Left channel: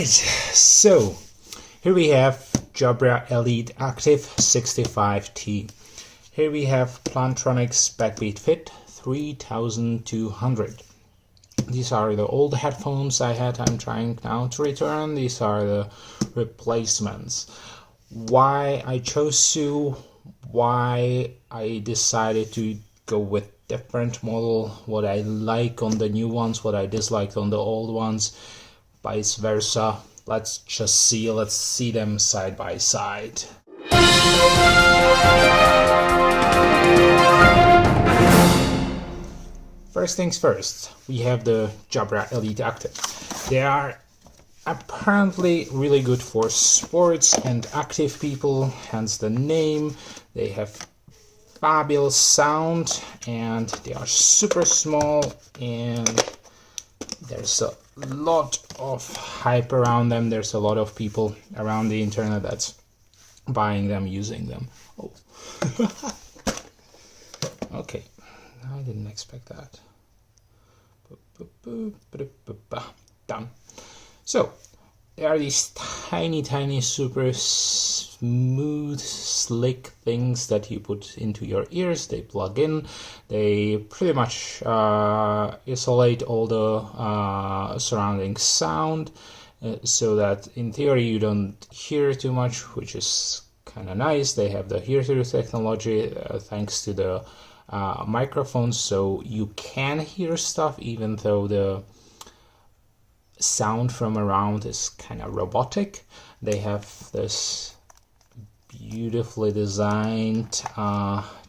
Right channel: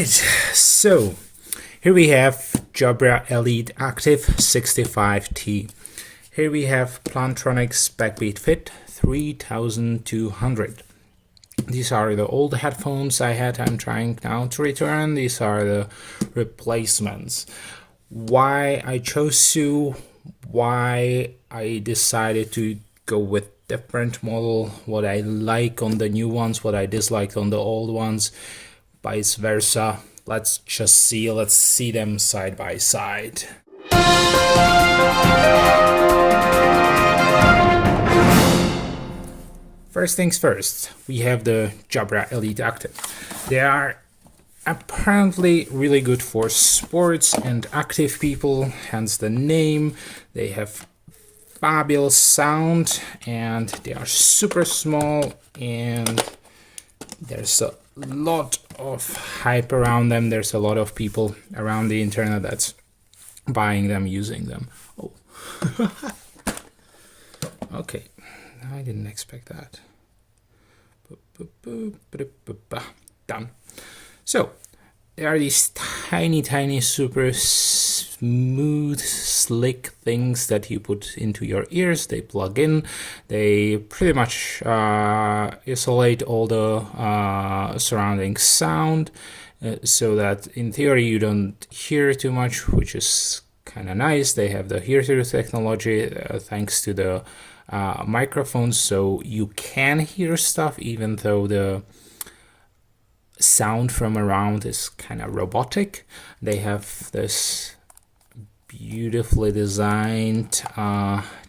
Alright, so here we have Jabra Elite Active 65T. Here we have Plantronics Backbeat Fit 3200. These are the old headphones I had. I'm trying now to return. These are the replacements. Why I chose to, why I decided to go with different model, what I like on the new ones, what I disliked on the old ones, vice versa. Let's see them side by side. First things first, we have the Jabra Elite Active. They are apparently really good for sports and active people, hence the name. They have fabulous sound and they are super small, and there's a lot of hype around them. There's a lot of people around the internet that's buying them, using them. Oh. Okay, I didn't expect that. Done. So there are these tiny super smooth, slick things that you put into your ears. They plug in. They pretty much isolate all the surrounding sound, so that in theory you don't hear too much, which is kind of nice. They have the hear-through technology thanks to the microphones, so you can hear stuff even though the sound from around is kind of robotic. They have this beautifully designed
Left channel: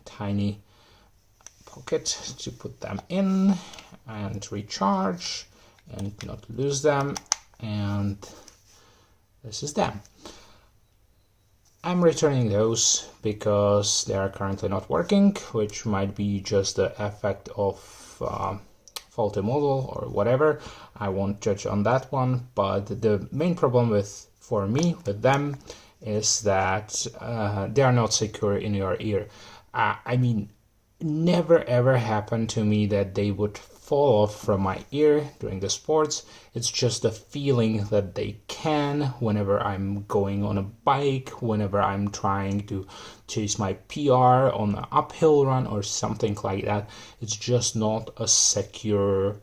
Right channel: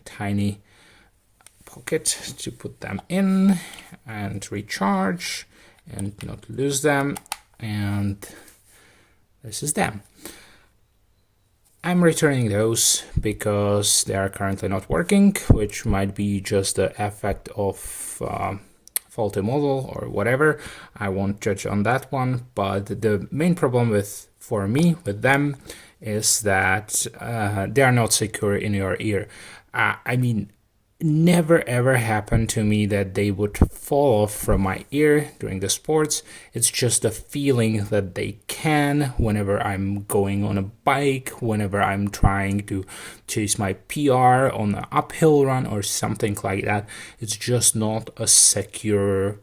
tiny pocket to put them in and recharge and not lose them, and this is them. I'm returning those because they are currently not working, which might be just the effect of faulty model or whatever. I won't judge on that one, but the main problem for me with them is that they are not secure in your ear. I mean, never ever happened to me that they would fall off from my ear during the sports. It's just the feeling that they can whenever I'm going on a bike, whenever I'm trying to chase my PR on an uphill run or something like that. It's just not a secure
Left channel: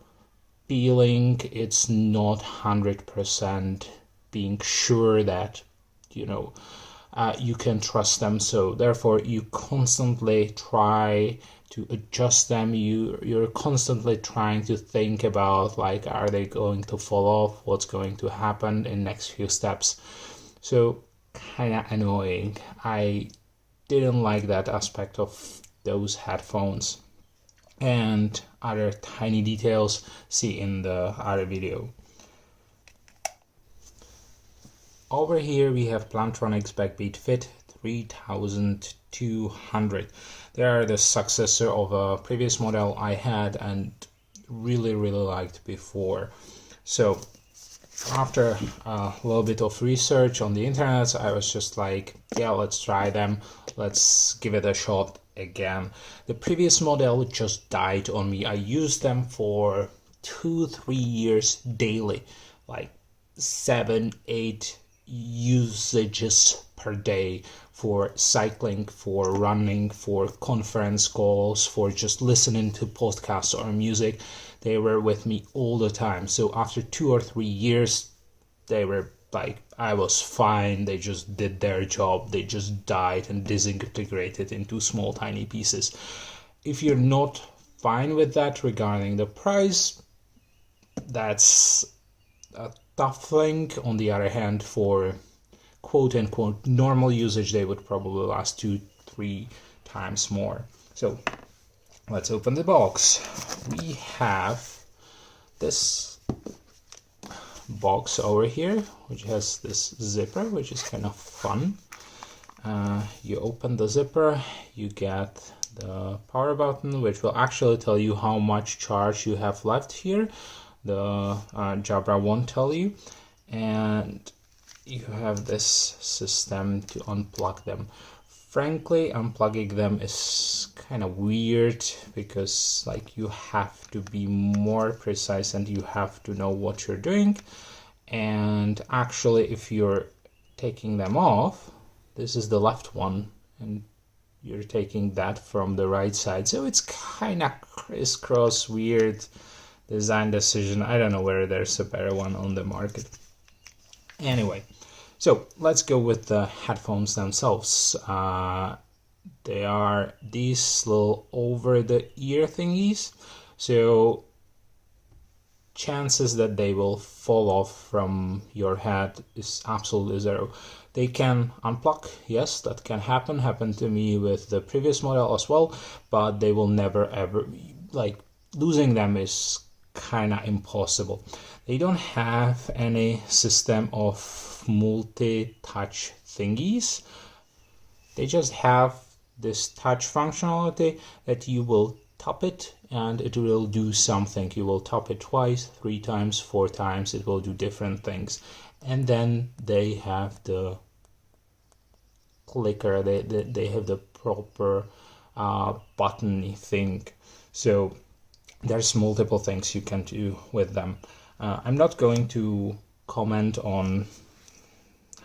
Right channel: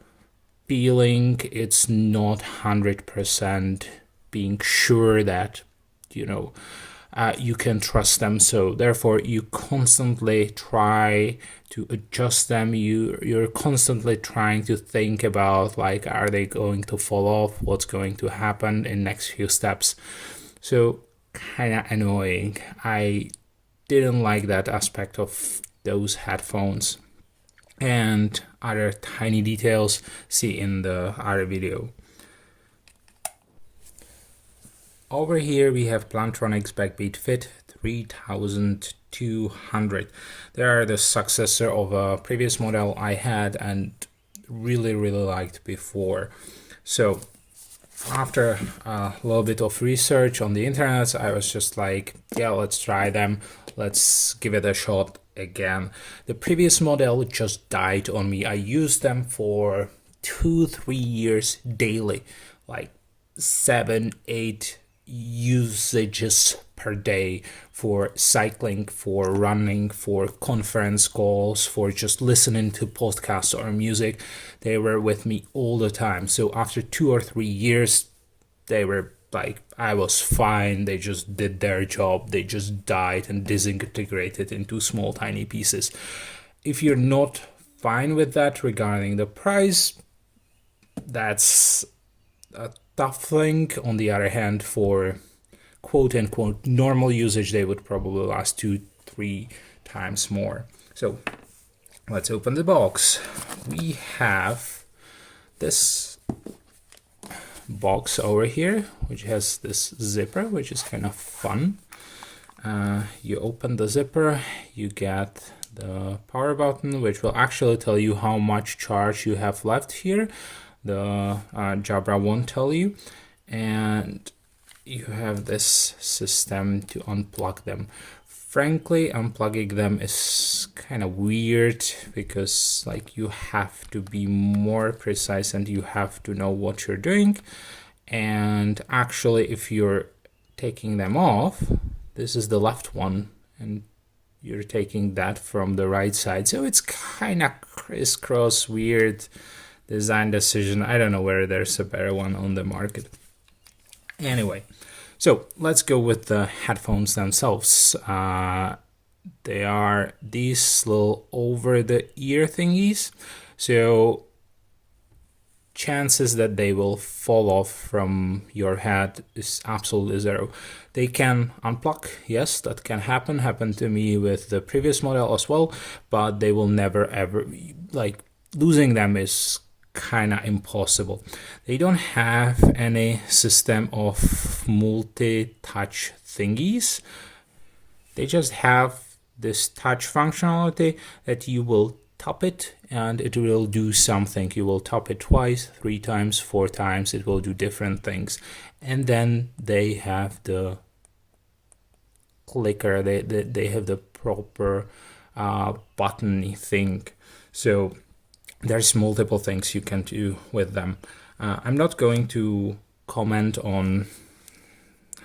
feeling. It's not 100% being sure that, you know, you can trust them. So therefore you constantly try to adjust them. You're constantly trying to think about, like, are they going to fall off, what's going to happen in next few steps. So kind of annoying. I didn't like that aspect of those headphones, and other tiny details see in the other video. Over here we have Plantronics Backbeat Fit 3200. They are the successor of a previous model I had and really liked before. So after a little bit of research on the internet, I was just like, yeah, let's try them. Let's give it a shot again. The previous model just died on me. I used them for 2-3 years daily, like 7-8 usages per day, for cycling, for running, for conference calls, for just listening to podcasts or music. They were with me all the time. So after 2 or 3 years, they were like, I was fine. They just did their job. They just died and disintegrated into small tiny pieces. If you're not fine with that regarding the price, that's a tough thing. On the other hand, for quote-unquote normal usage, they would probably last 2-3 times more. So let's open the box. We have this box over here, which has this zipper, which is kind of fun. You open the zipper, you get the power button, which will actually tell you how much charge you have left here. The Jabra won't tell you, and you have this system to unplug them. Frankly, unplugging them is kind of weird because, like, you have to be more precise and you have to know what you're doing. And actually, if you're taking them off, this is the left one, and you're taking that from the right side. So it's kind of crisscross, weird design decision. I don't know whether there's a better one on the market. Anyway, so let's go with the headphones themselves. They are these little over-the-ear thingies. So chances that they will fall off from your head is absolutely zero. They can unplug, yes, that can happen. Happened to me with the previous model as well, but they will never ever, like, losing them is kind of impossible. They don't have any system of multi-touch thingies. They just have this touch functionality that you will tap it and it will do something. You will tap it twice, 3 times, 4 times, it will do different things. And then they have the clicker, they have the proper button thing. So there's multiple things you can do with them. I'm not going to comment on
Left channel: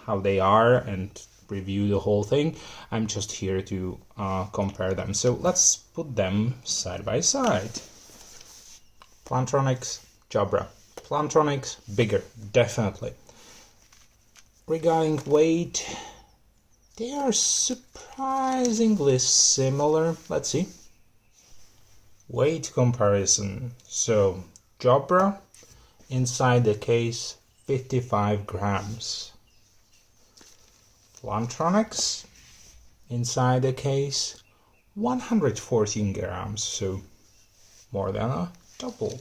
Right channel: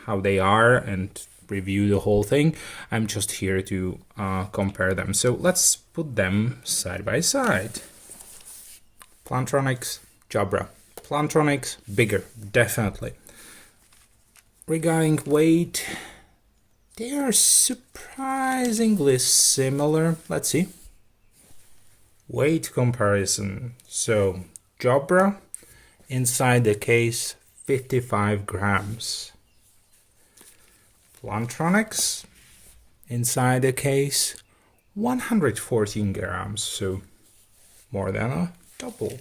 how they are and review the whole thing. I'm just here to compare them. So let's put them side by side. Plantronics, Jabra. Plantronics, bigger, definitely. Regarding weight, they are surprisingly similar. Let's see. Weight comparison. So Jabra inside the case 55 grams. Plantronics inside the case 114 grams, so more than a double.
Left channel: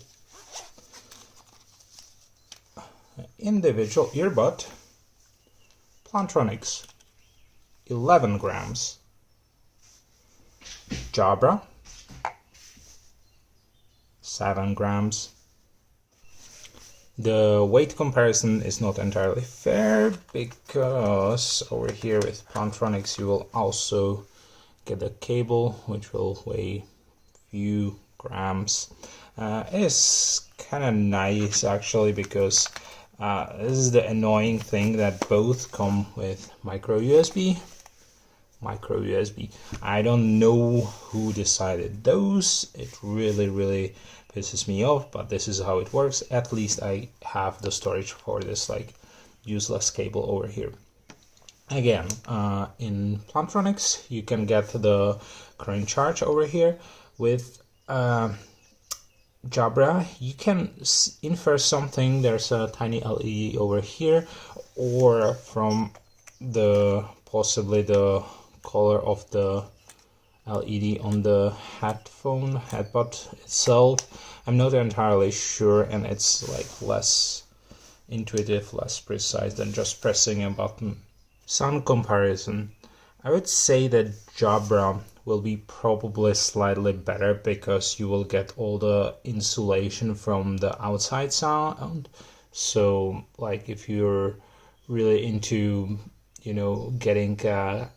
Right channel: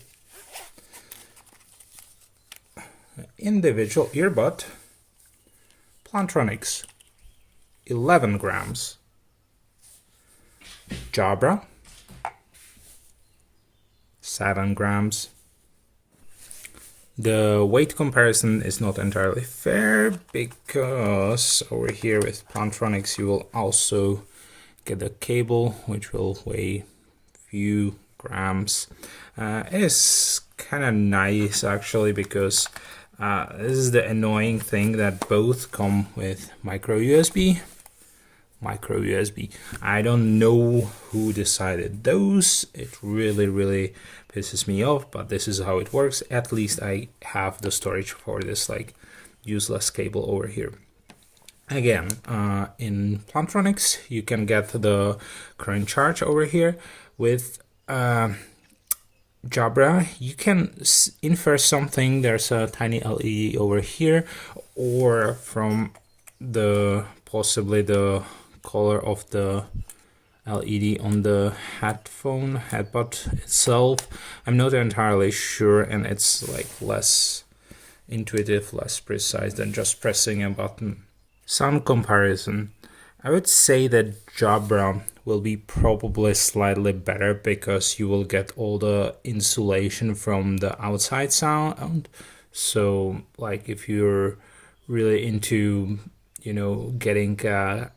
Individual earbud, Plantronics 11 grams. Jabra 7 grams. The weight comparison is not entirely fair because over here with Plantronics you will also get a cable which will weigh a few grams. It is kind of nice actually because this is the annoying thing that both come with micro USB. I don't know who decided those. It really pisses me off, but this is how it works. At least I have the storage for this like useless cable over here. Again, in Plantronics you can get the current charge over here. With Jabra you can infer something. There's a tiny LED over here, or from the possibly the color of the LED on the headbud itself. I'm not entirely sure, and it's like less intuitive, less precise than just pressing a button. Sound comparison. I would say that Jabra will be probably slightly better because you will get all the insulation from the outside sound. So like if you're really into, you know, getting a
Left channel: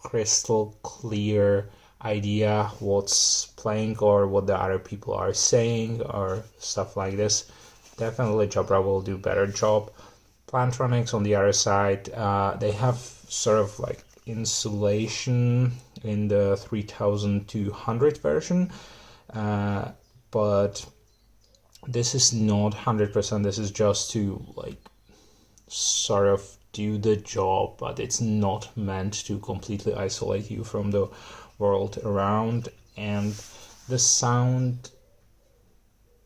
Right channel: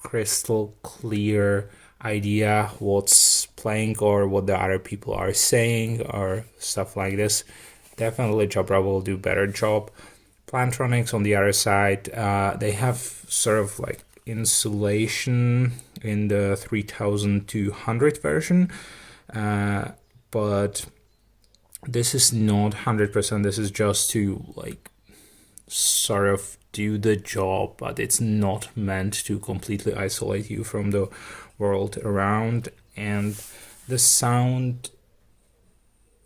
crystal clear idea what's playing or what the other people are saying or stuff like this, definitely Jabra will do better job. Plantronics on the other side, they have sort of like insulation in the 3200 version, but this is not 100%. This is just to like sort of do the job, but it's not meant to completely isolate you from the world around, and the sound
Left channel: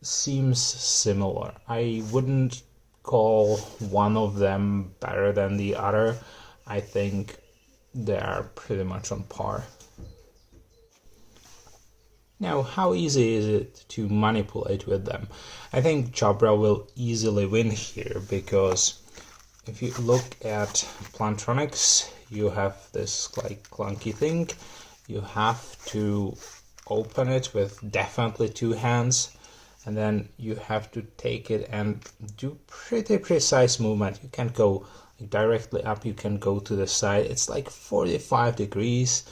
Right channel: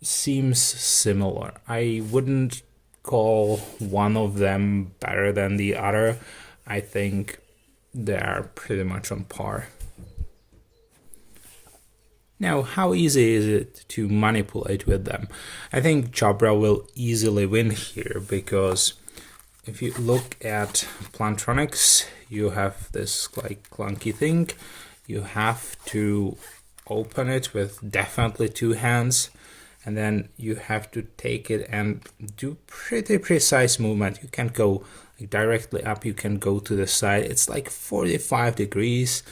seems similar. I wouldn't call one of them better than the other. I think they are pretty much on par. Now, how easy is it to manipulate with them? I think Jabra will easily win here because if you look at Plantronics, you have this like clunky thing. You have to open it with definitely 2 hands, and then you have to take it and do pretty precise movement. You can't go like directly up, you can go to the side. It's like 45 degrees,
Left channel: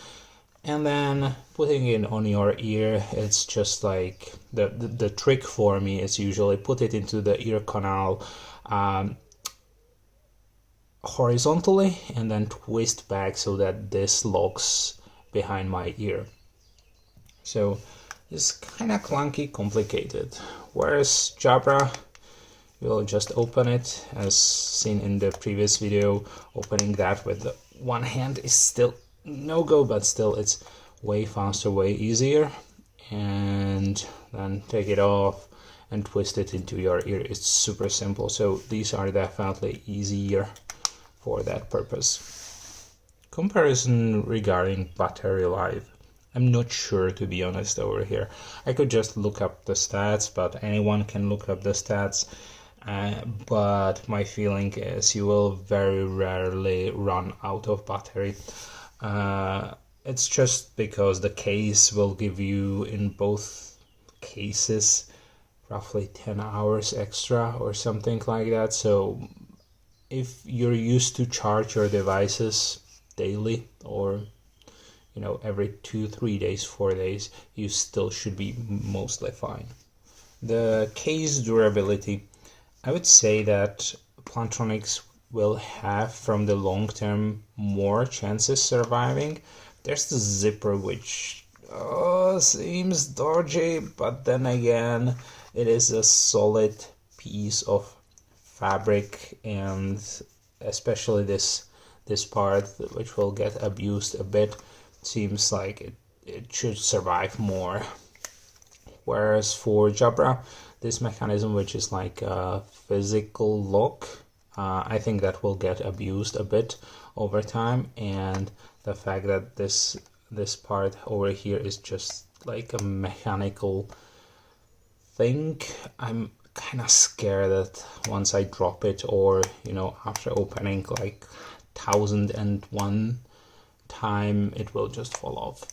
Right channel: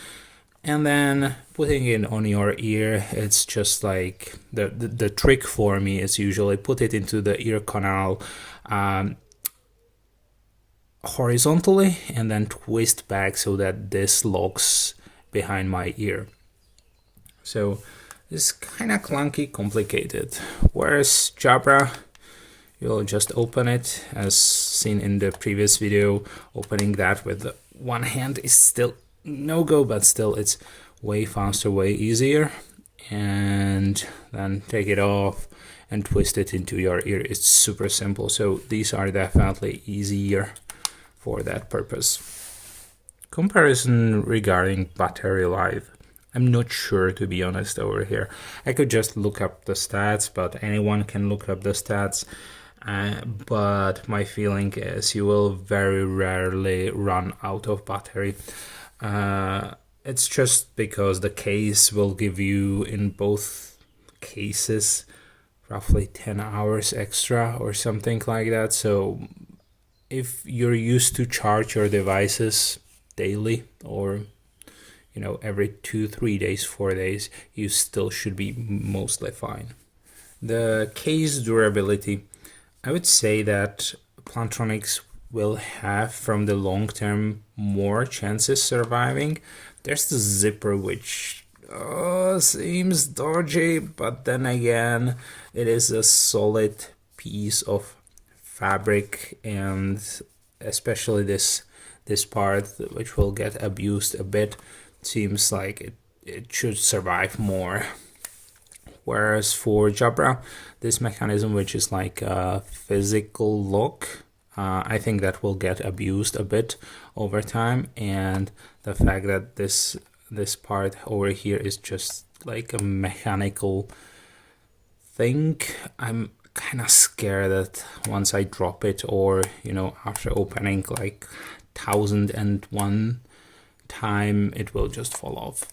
and then putting it on your ear, it's just like the trick for me is usually put it into the ear canal, horizontally and then twist back so that this locks behind my ear. So it's kind of clunky, complicated. Whereas Jabra, you'll just open it, as seen in the previous video. Opening that with one hand is still no go, but still it's way faster, way easier. And then take it off and twist it into your ear. It's super simple. So these are definitely easier for that purpose. Comparison regarding battery life. I'm not sure, to be honest, over here. I could just look up the stats, but anyone can look up the stats. But my feeling is you will very rarely run out of battery. It's just because the case will give you, in both cases, roughly 10 hours extra or something like that. So if you're used to charge your devices daily, or every 2-3 days, 4 days, you still should be mostly fine. The case durability, I would say that Plantronics will have, from the long term, more chances surviving. There's the zipper, which seems dodgy, but then again, it is a solid piece of fabric, and especially this part, which will get abused a bit, seems like it should survive more. Whereas for Jabra, this mechanism, which is like a physical lock, I think that will get abused a bit over time, and the fact that this part over here is just like a mechanical thing, I'm kind of scared that once I drop it, or after opening like 1001 time, it will just fall off.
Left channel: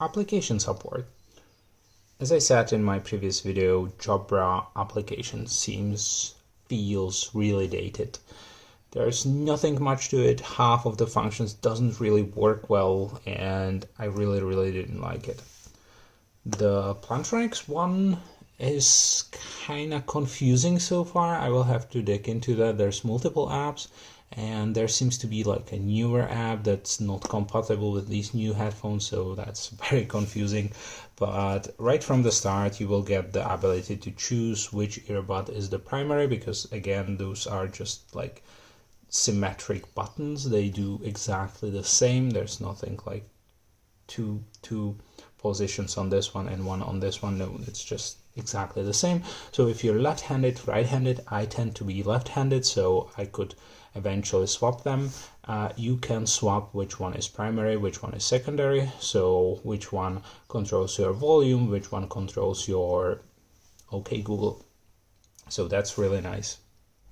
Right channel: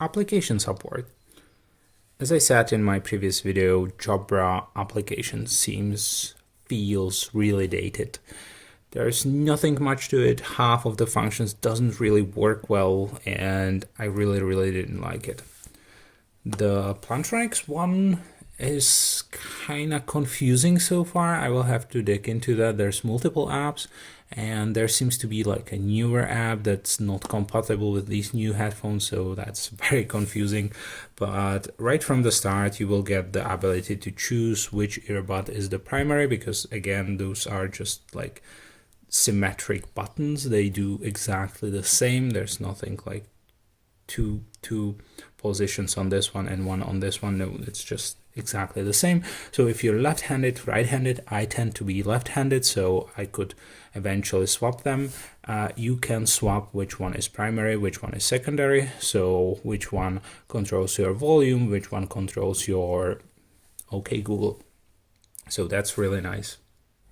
Application support. As I said in my previous video, Jabra application feels really dated. There's nothing much to it. Half of the functions doesn't really work well, and I really didn't like it. The Plantronics one is kind of confusing so far. I will have to dig into that. There's multiple apps, and there seems to be like a newer app that's not compatible with these new headphones, so that's very confusing. But right from the start, you will get the ability to choose which earbud is the primary, because again, those are just like symmetric buttons. They do exactly the same. There's nothing like two positions on this one and one on this one. No, it's just exactly the same. So if you're left-handed, right-handed, I tend to be left-handed, so I could eventually swap them. You can swap which one is primary, which one is secondary, so which one controls your volume, which one controls your OK Google. So that's really nice.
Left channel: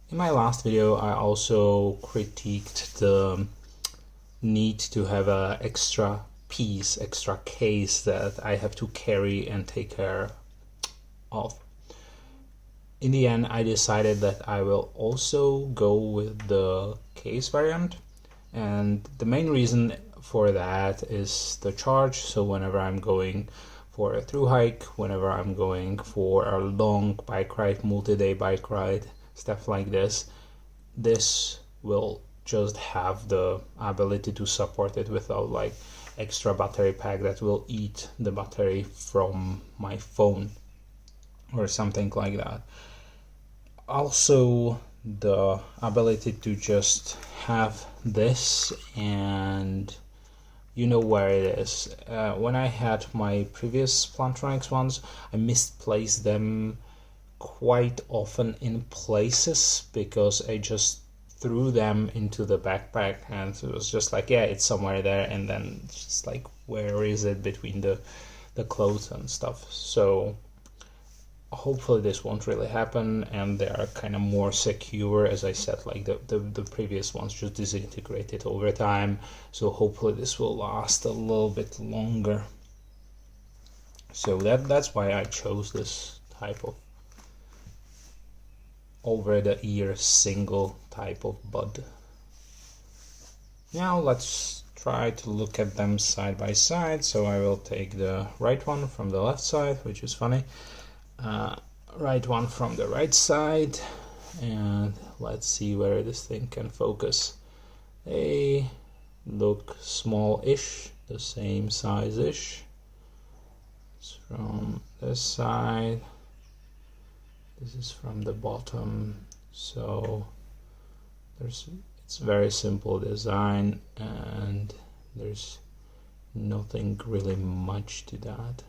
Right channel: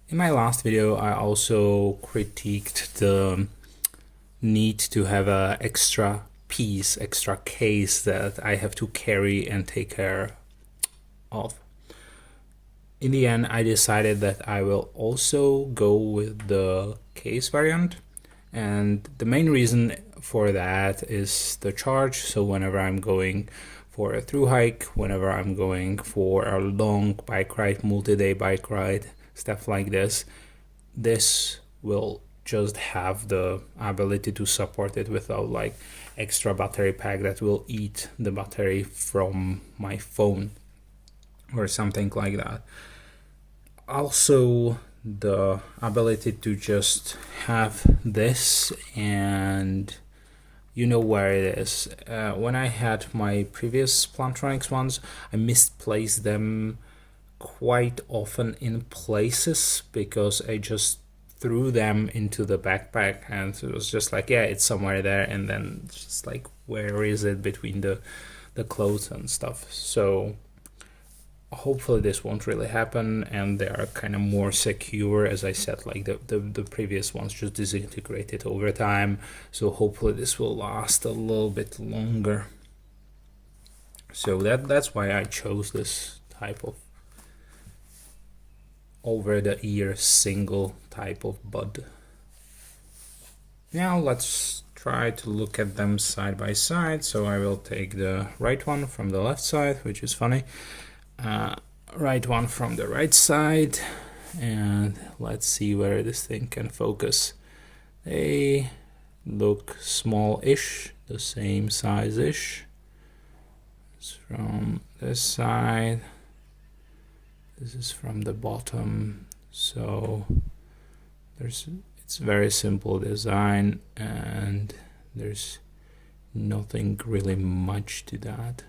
In my last video, I also critiqued the need to have an extra piece, extra case that I have to carry and take care of. In the end, I decided that I will also go with the case variant, and the main reason for that is the charge. So whenever I'm going for a through hike, whenever I'm going for a long bike ride, multi-day bike ride, stuff like this will just have the ability to support it without like extra battery pack that will eat the battery from my phone or something like that. Also, the ability to just have this, and you know where it is. When I had my previous Plantronics ones, I misplaced them quite often in places because I just threw them into the backpack, and it was just like, yeah, it's somewhere there, and then it's just like, where is it between the clothes and stuff? So hopefully this won't really happen, and they are kind of more secure. As I said, like the previous ones just disintegrated over time, so hopefully this will last a little bit longer. So that's why I chose this type of over the ear single type of bud. Now let's try to look at them side by side. So I will take the right one from the left side, which is funny, right one from the right side, and let's see where this thing can focus. They look small-ish, the same size-ish. It's from this side, this is from the bottom, so it's very simple design and there's nothing really much to that.